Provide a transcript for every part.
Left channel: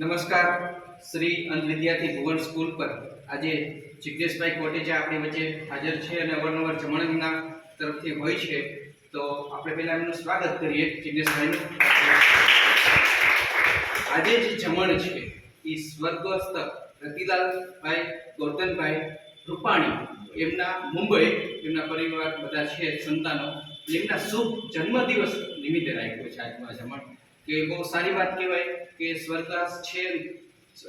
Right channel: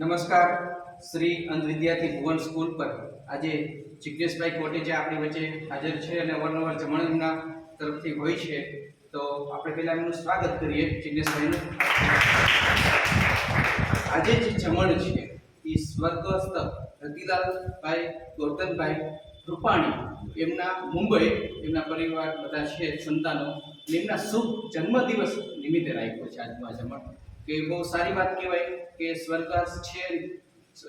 નમસ્કાર શ્રી અંધ વિદ્યાર્થી ભુવન સ્કૂલ પર. આજે જિજ્ઞેશભાઈ કોટેજા આપણી વચ્ચે હાજર છે અને અવારનવાર જમણના તરફથી હોય છે. તો આપણે પહેલાં એમનું સ્વાગત કરીએ જિજ્ઞેશભાઈનું આજે જે જમણ છે, એ સ્વર્ગસ્થ રતિલાલભાઈ ગૌતમભાઈ રૂપાણી, એમના મુંબઈ, એમના પરિવાર બધા છે, સંતાનો, એમના શુભ જન્મદિવસ નિમિત્તે રાખ્યો છે આજનું આ જમણ. કે બહુ સારી વાત કહેવાય કે સ્વર્ગવાસ છે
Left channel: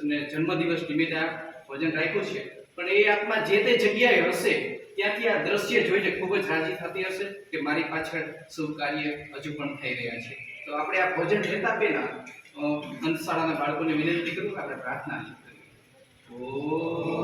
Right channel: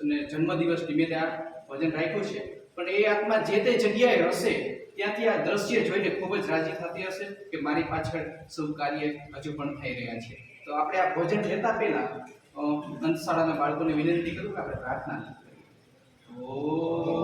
અને જન્મદિવસ નિમિત્તે આ ભજન રાખ્યું છે. પણ એ આત્મા જે તે જગ્યાએ હશે, ત્યાંથી આ દ્રશ્ય જોઈને ખૂબ જ રાજી થતી હશે કે મારી પાછળ શુભ કાર્ય હજુ પણ થઈ રહ્યા છે. તો આપણે આ ભોજન લેતા પહેલા અંતશાળાના બાળકોને વિનંતી કરું કે આપણે પ્રાર્થના કરીએ. ઓમ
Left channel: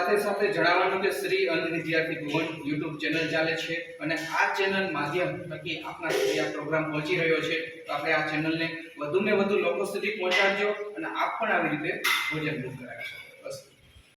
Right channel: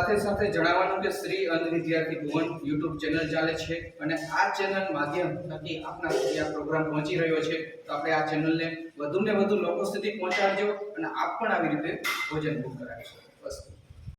સાથે સાથે જણાવવાનું કે શ્રી અંધ વિદ્યાર્થી ભુવન યુટ્યુબ ચેનલ ચાલે છે અને આ ચેનલ માધ્યમ થકી આપના સુધી આ પ્રોગ્રામ પહોંચી રહ્યો છે. તો આપણે આ ચેનલને વધુને વધુ લોકો સુધી પહોંચાડજો અને આપ પણ આવી રીતે ભોજન બુક કરાવશો